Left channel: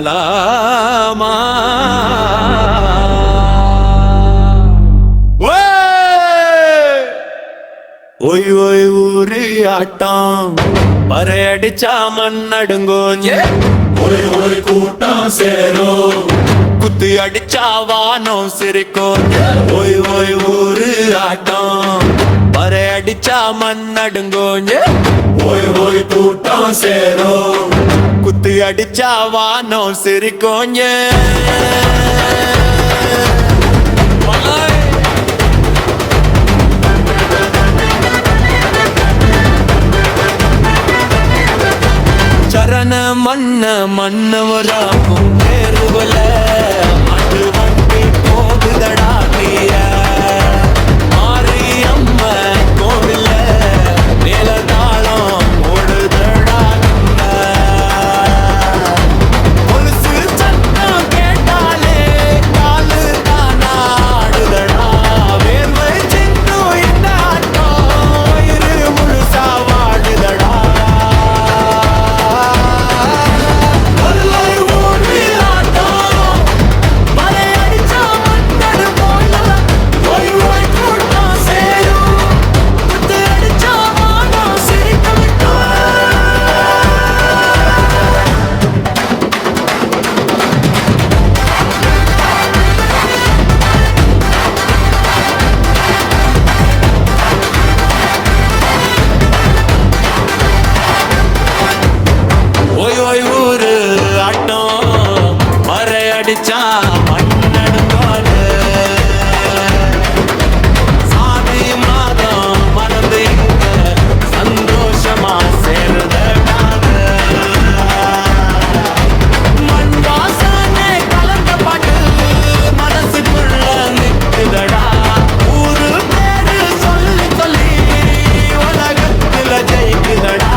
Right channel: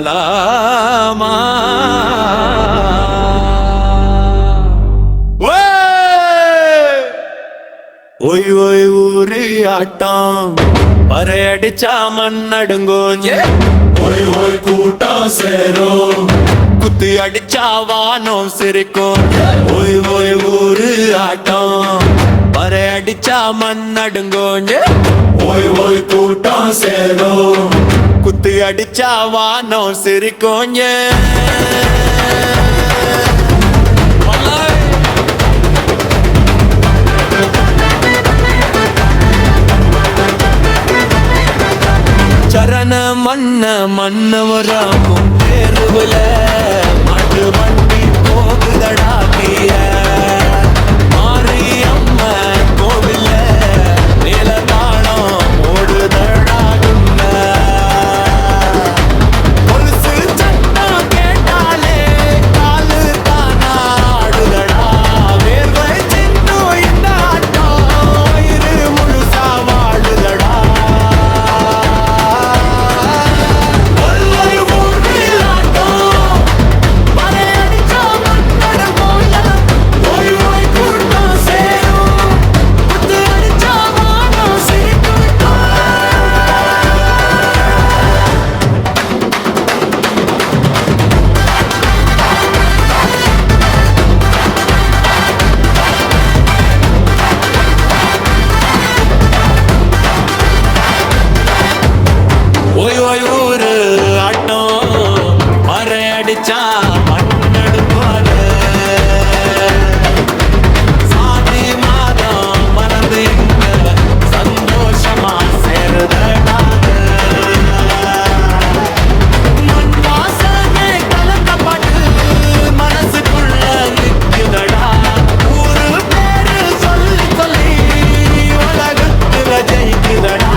சொல்லலாமா? Y Y ஊரு ஆட்டம் பறையடிச்சா மண்ணடுங்கோஞ்ச. Y Y கூட்டம் சேரும் குத்து அடிச்சா வானம் சிரிக்கும். ஒய் ஒய் ஊரு ஆட்டம் பறையடிச்சா மண்ணடுங்கோஞ்ச. ஒய் ஒய் கூட்டம் சேரும் குத்து அடிச்சா வானம் சிரிக்கோஞ்ச. சரண மன்ன மன்னவராக்கும் தேர்வுல மாட்டு வண்டி போகுதடா தீய. மாரியம்ம கோவில்ல மேல தாளம் ஓடுதடா கிண்ண. கொலுசு சட்டம் கேட்டாலே காலு தானா ஆடுதடா. வேர்வை சிந்து இந்த ஆட்டம் வயிறு முழுசா வாடுதடா. ஒய் ஒய் ஊரு ஆட்டம் மறை அடிச்சா மண்ணடுங்காரு. சாதி மாதம் மறந்து இங்க சந்தோஷமா சேருதடாது. மண் வாசனை கலந்த பாட்டு மனசுக்குள்ள நிக்குதடா. ஊரு பேரு சொல்லி சொல்லி உலகத்துல ஜெயிக்குதடா.